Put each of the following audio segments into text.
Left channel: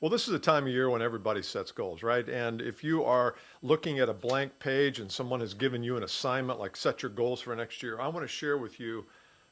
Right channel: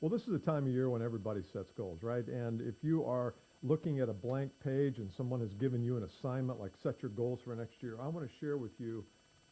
Well, this is a time of year when everybody sets goals, right? And if you are looking at a blank page and someone has given you an assignment like set your goals for next year, I want to share with you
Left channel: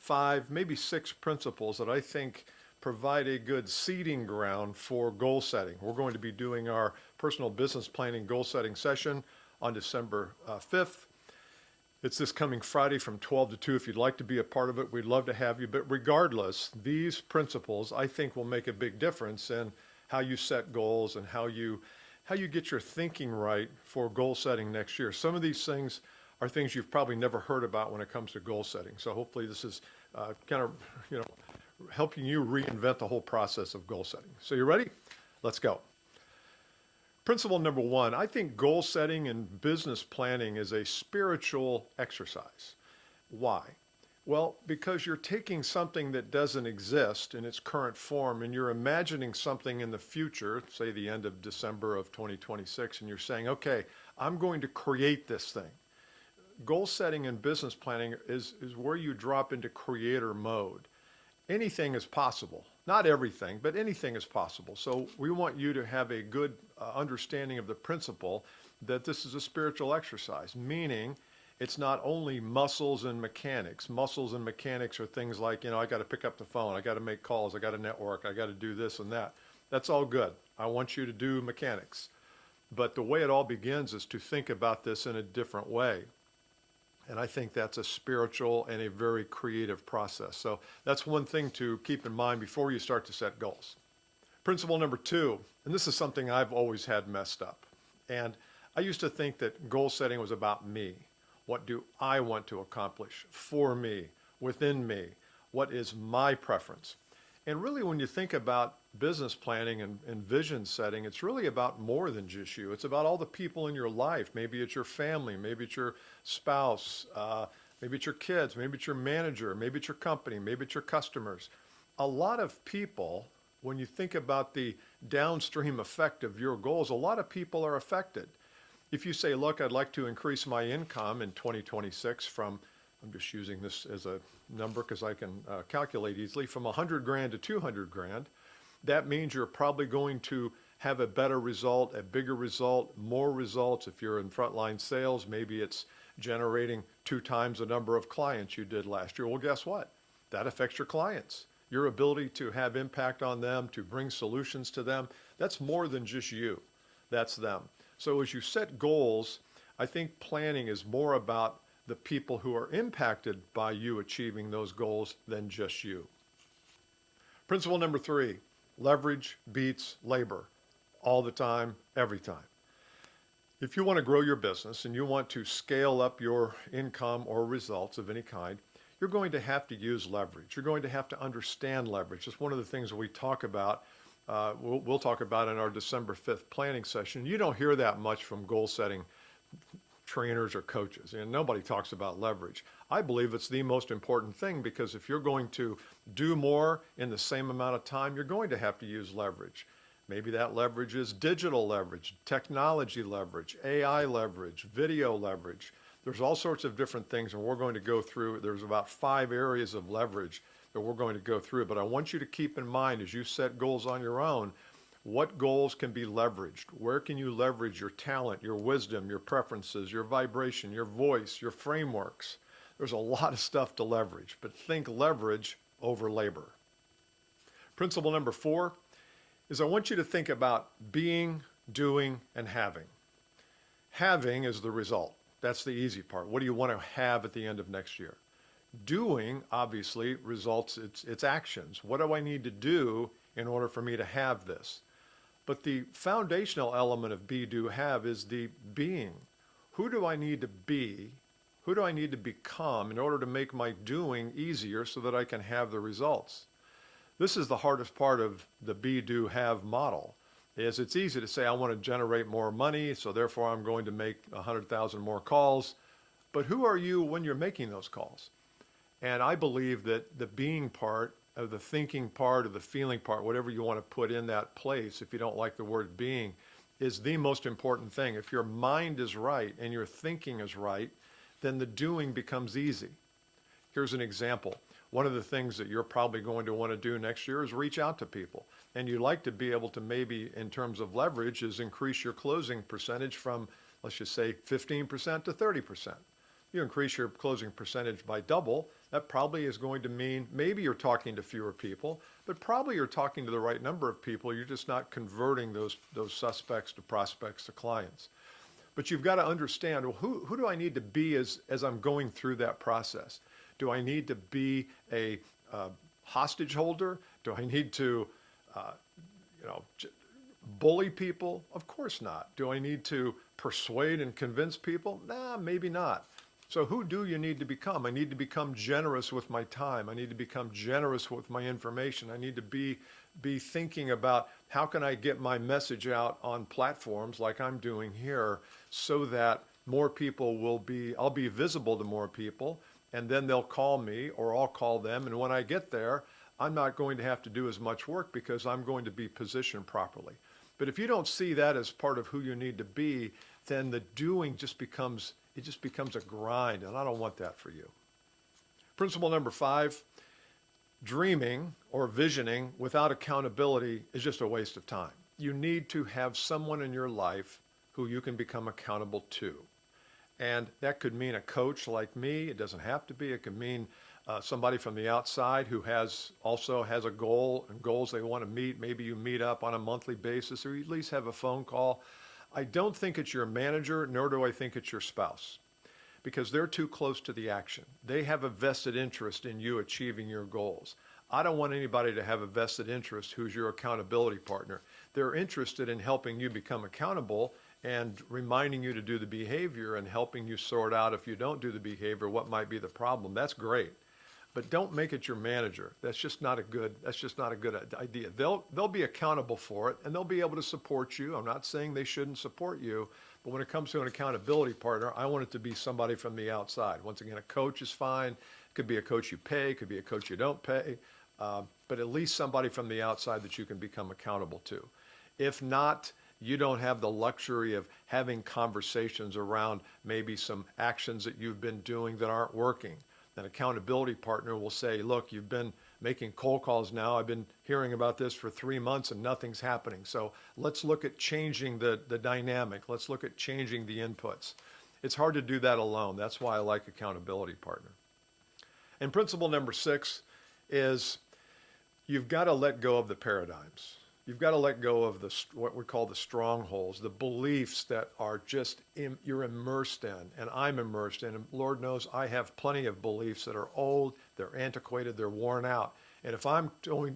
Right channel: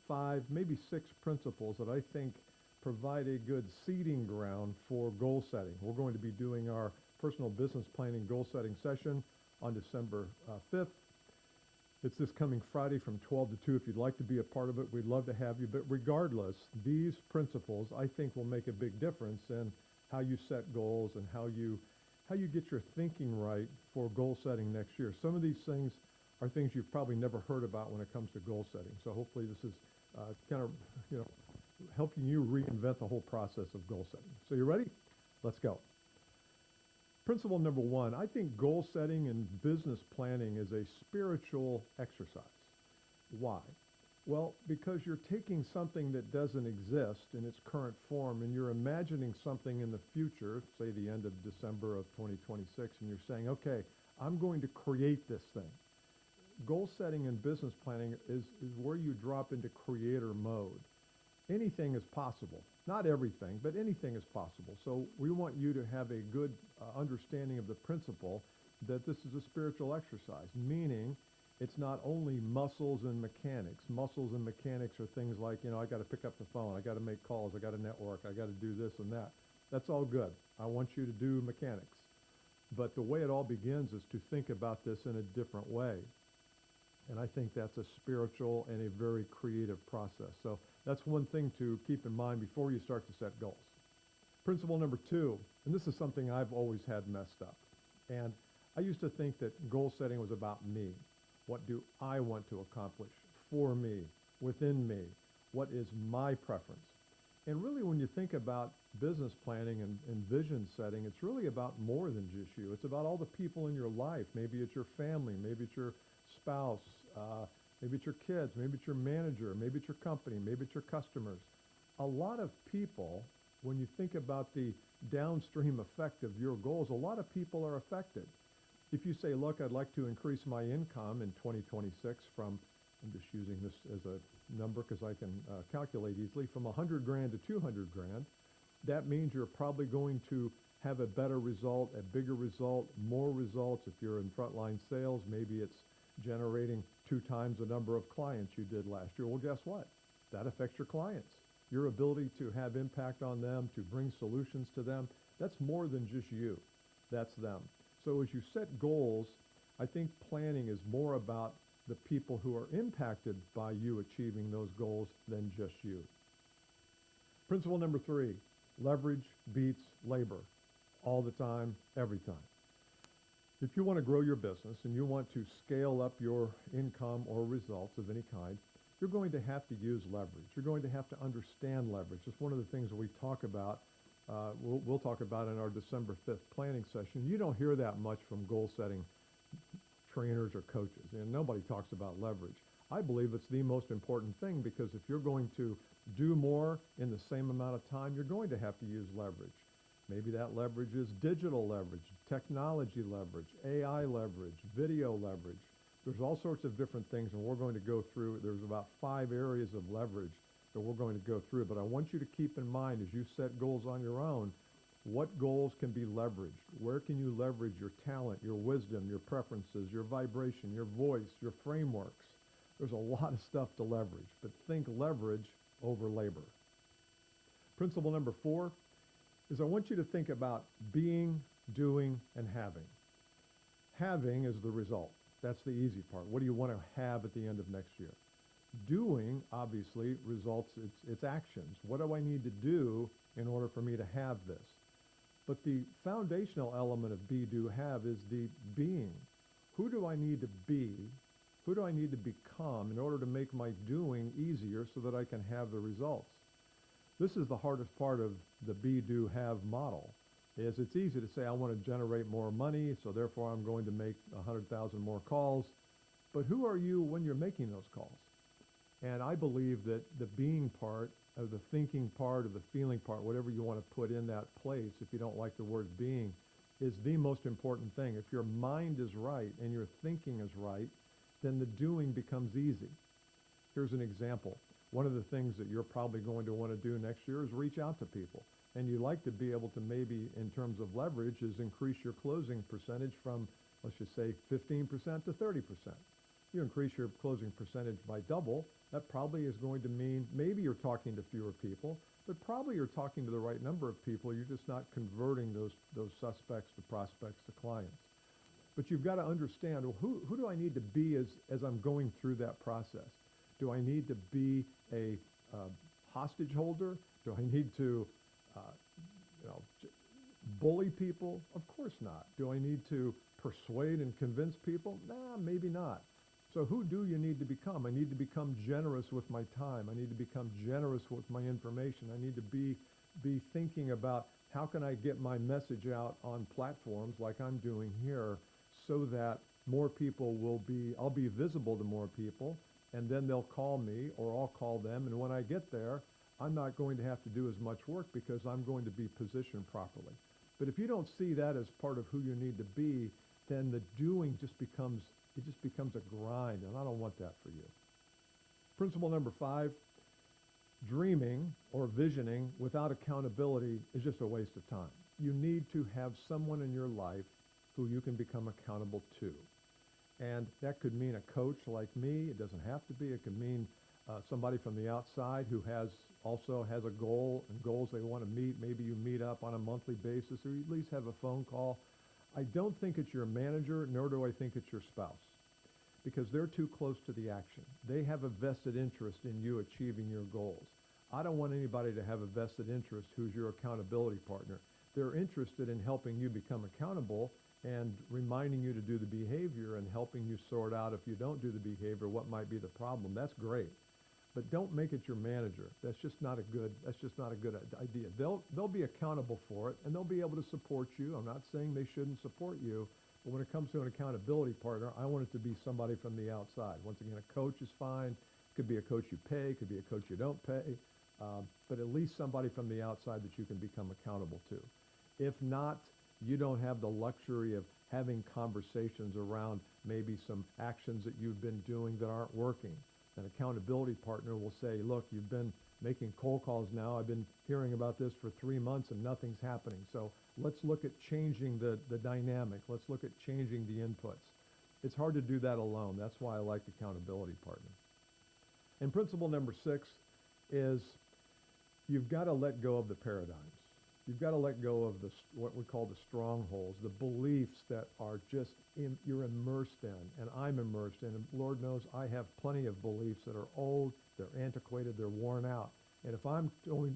5, maybe 6 principles that I think provide a good seeding ground for goal setting. We're going to be doing our personal business planning goal setting session on December 5th. It's this coming Friday from 12 to 2. If you'd like to be a part of it, we'd love to have you. But regardless, these principles I think will make a big difference in how you set goals and how you get your thinking right for goal setting next year. Some of these things are things you've probably never heard about when it comes to goal setting. So hopefully this is kind of, helping you reinvent the whole process of goal setting. So you ready? Let's go. Principle number 1, I think goal setting and business planning is a spiritual exercise. Why? Well, because you're taking something that doesn't exist in its current form and you're imagining something in the future, say the end of December of 2026, and you're saying, okay, I'm going to create this thing. Goal setting and business planning is where you drop into creator mode. Anything is possible. Not everything, but anything is possible. So we want you to have a good understanding of the principle that this is a spiritual exercise, meaning it's not only muscles and mechanics. Muscles and mechanics are things like, I got to pick up the phone, I got to make calls, I got to network, I got to do this and that. That's all good. I want you to do mechanics. But the way it all begins is to think about this in a different way. And I think that's a spiritual and a very creative process. So that's one thing to keep in mind before you start to set goals. Principle number 2, and this is something I've always had messed up. And I used to think that goal setting was about me. What do I want to accomplish for me, within me? What is my preference? And really, when you think about business planning and vision setting, it's really about more than just you. It's about all the people in your life. Maybe it's your family, maybe it's your spouse, maybe it's your kids, maybe it's your manager, maybe it's your company, maybe it's your customers. A lot of people, when you think about the downstream effect of your goals, a lot of people are affected. If you say, look, I'd like to increase my income in 2026 from, I'm just using this as a number because I can calculate easily, from 100 grand to 200 grand, that means you're probably going to have a better result, a bigger result, more results. If you're in frontline sales, maybe it's generating 2 times the number of clients you did last year. Well, guess what? That affects your clients. Your ability to have impact on them, to bring solutions to them, that's more than just you. That's them. So as you set goals, I think planning is more about the people who are impacted by you achieving those goals than just you. Principle number 3, leverage beats labor all the time, every time. If you want to grow your business and you want to scale up your income or results of any kind, you're going to have to use leverage. You're going to have to understand leverage. It's one of the things we talk about. We'll talk about in our December 5th planning session. You don't hear that much from goal setting trainers or coaches. Nobody talks about leverage. I believe it's the most important thing because if you're going to do more in the same amount of time, you're going to have to use leverage. Maybe that leverage is digital leverage, technology leverage, AI leverage, video leverage. There's all sorts of different things, and we're going to go through, there's about 5 areas of leverage that we're going to go through. But I want you to keep in mind as you set goals on your own, what goals can be leveraged? Where can you leverage your talent, your wisdom, your preferences, your vibration, your voice, your frameworks? There's a lot of stuff to leverage, but think leverage over labor. Principle number 4 is I want you to think about being, doing, and having. Having is the result. That's the easy part. What do you want to have at the end of next year? Doing, obviously, results, it's actions. What do I need to do in order for me to have this? But the foundational element of be, do, have is the being. Who do I need to be? Who do I need to become in order to make my doing easier so that I can have the results? This is the hardest part of the be, do, have model. Is it's easy to say I want to generate more money, so therefore I'm going to make 100,000 more calls. But who are you when you're making those calls? And I believe that the being part, of the thinking part, of the feeling part, whatever you want to put in that place, if you don't like the word being, is the most important thing. If your mind is right and your thinking is right, then the doing becomes easy. Here's an example. One of the things that you're probably going to want to do next year is reach out to people. And you'd like to be able to maybe, in terms of leverage, is increase your closing percentage from, let's just say, 15% to 30%. You increase your closing percentage by double, that probably is going to mean maybe you're talking to fewer people, but probably you're talking to the right number of people. You're just not converting those suspects to prospects to clients. But you've got to understand, well, who do I need to be as I'm going through that process? Do I need to be a hostage holder? Do I need to, bully people? Of course not. Do I need to persuade and convince people? Nah, maybe not. So who do you need to become? I need to become generous with my time. I need to become generous with my information. I need to be thinking about how can I get my message out on platforms like I'm doing here so that more people I'll be visible to more people, and then they'll call me or I'll call them. And when I get there, I'm not going to have to do as much work because I'm going to be positioned properly. But if you don't see that as part of who you need to be, then the doing just becomes a grind, and I don't want that for you. Principle number 5, dreaming or visioning without accountability is just a waste of time. You need to have someone in your life who you can become accountable to. And that could mean a coach like me. It doesn't have to be. It could mean somebody from the outside who also has a goal and goals they want to meet. Maybe you meet up on a monthly basis, or you at least have a phone call. I don't think it's your manager, nor do I think it's your spouse, because they're too close to the action. They have a vested interest in you achieving your goals. I don't want anybody to have a vested interest who's your accountability partner. They're interested in helping you become accountable and reminding you to do the behavior and helping you sort out, if you don't do the behavior, what might be the problem. That's great. But don't make it your manager. That's just not a good idea. They'll be accountable for it, and they'll be able to support you. I'm not saying they shouldn't support you, but when it comes to an accountability partner, I want it to be somebody from the outside. Once again, a coach is fine. It could be a coach you pay, could be a coach you don't pay, but at least somebody from the outside that you can become accountable to. If not, you don't have the luxury of having conversations around maybe some actions that you've been doing that aren't working. An accountability partner will say, look, you've been making cold calls now. I've been hearing about this for 3 months and nothing's happening. So let's look at changing the dynamic. Let's look at changing the inputs. It's hard to do that alone. That's why I like accountability partner. And principle number 6 is you've got to let go of the paradigms. You've got to let go of what we call the strongholds, the beliefs that are just you're immersed in, and I'm immersed in. And Lord knows I have plenty of beliefs that are old, they're antiquated, they're worn out. And if I'm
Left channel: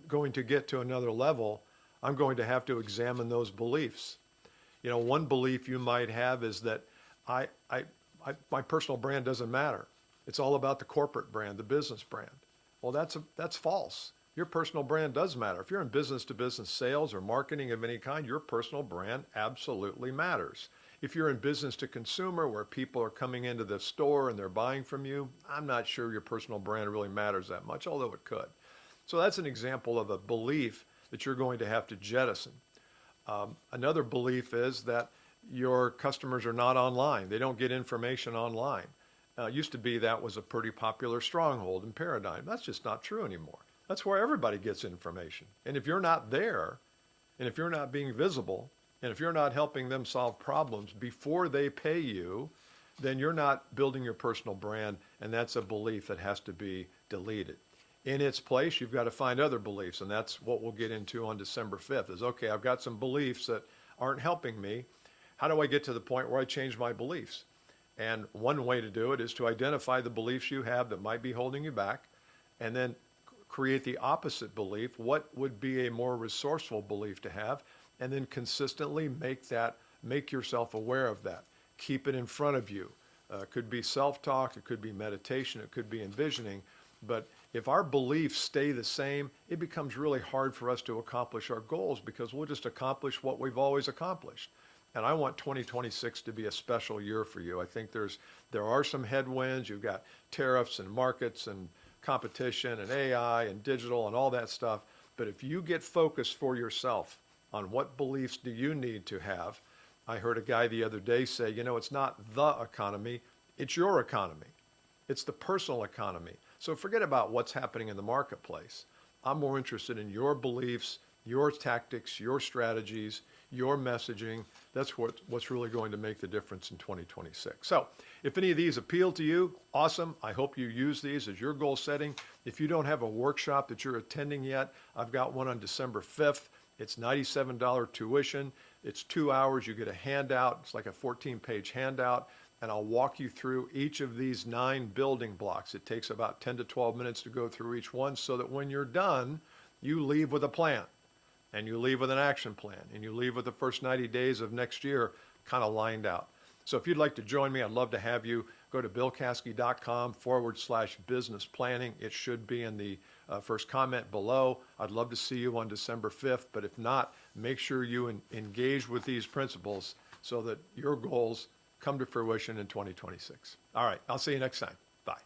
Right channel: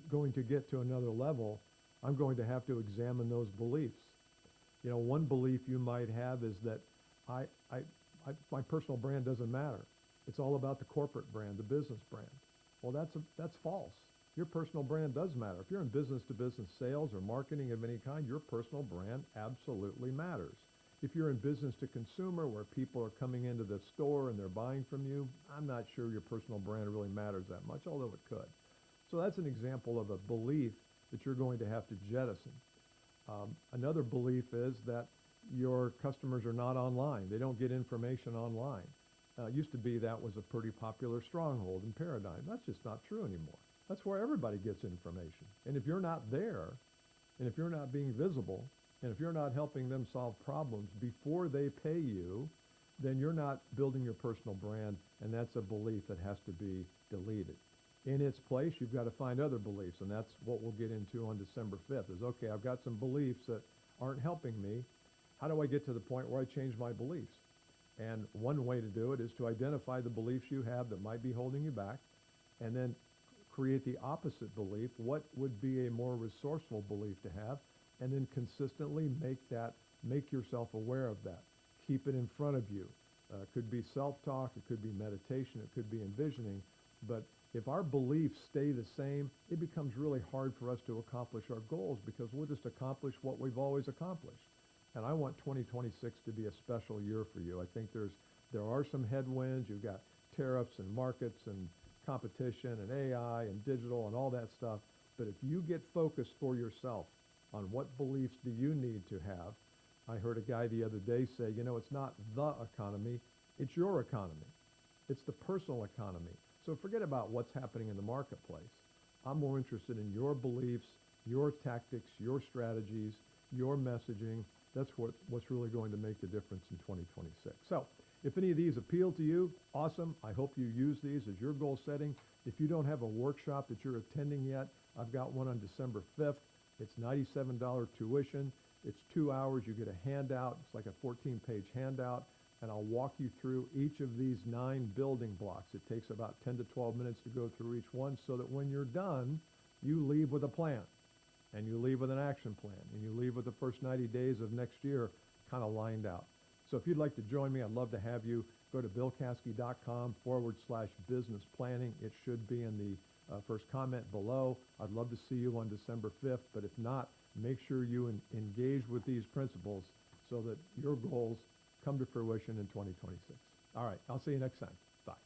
going to get to another level, I'm going to have to examine those beliefs. You know, one belief you might have is that my personal brand doesn't matter. It's all about the corporate brand, the business brand. Well, that's false. Your personal brand does matter. If you're in business-to-business sales or marketing of any kind, your personal brand absolutely matters. If you're in business-to-consumer, where people are coming into the store and they're buying from you, I'm not sure your personal brand really matters that much, although it could. So that's an example of a belief that you're going to have to jettison. Another belief is that your customers are not online. They don't get information online. Used to be that was a pretty popular stronghold and paradigm. That's just not true anymore. That's where everybody gets information. And if you're not there, and if you're not being visible, and if you're not helping them solve problems before they pay you, then you're not building your personal brand, and that's a belief that has to be deleted. In its place, you've got to find other beliefs, and that's what we'll get into on December 5th is, okay, I've got some beliefs that aren't helping me. How do I get to the point where I change my beliefs? And one way to do it is to identify the beliefs you have that might be holding you back, and then create the opposite belief. What would be a more resourceful belief to have? And then consistently make yourself aware of that. Keep it in front of you. It could be self-talk, it could be meditation, it could be envisioning. But if our beliefs stay the same, it becomes really hard for us to accomplish our goals because we'll just accomplish what we've always accomplished. And I want 2026 to be a special year for you. I think there are some headwinds. You've got tariffs and markets and competition and AI and digital and all that stuff. But if you get focused for yourself on what beliefs do you need to have, I heard a guy the other day say, you know, it's not the economy, it's your economy. It's the personal economy. So forget about what's happening in the marketplace. I'm more interested in your beliefs, your tactics, your strategies, your messaging. That's what's really going to make the difference in 2026. So if any of these appeal to you, awesome. I hope you use these as your goal setting. If you don't have a workshop that you're attending yet, I've got one on December 5th. It's $97 tuition. It's 2 hours. You get a handout. It's like a 14-page handout. And I'll walk you through each of these 9 building blocks. It takes about 10 to 12 minutes to go through each one so that when you're done, you leave with a plan. And you leave with an action plan, and you leave with the first 90 days of next year kind of lined out. So if you'd like to join me, I'd love to have you. Go to billcaskey.com/business planning. It should be in the first comment below. I'd love to see you on December 5th, but if not, make sure you engage with these principles so that your goals come to fruition in 2026. All right, I'll see you next time. Bye.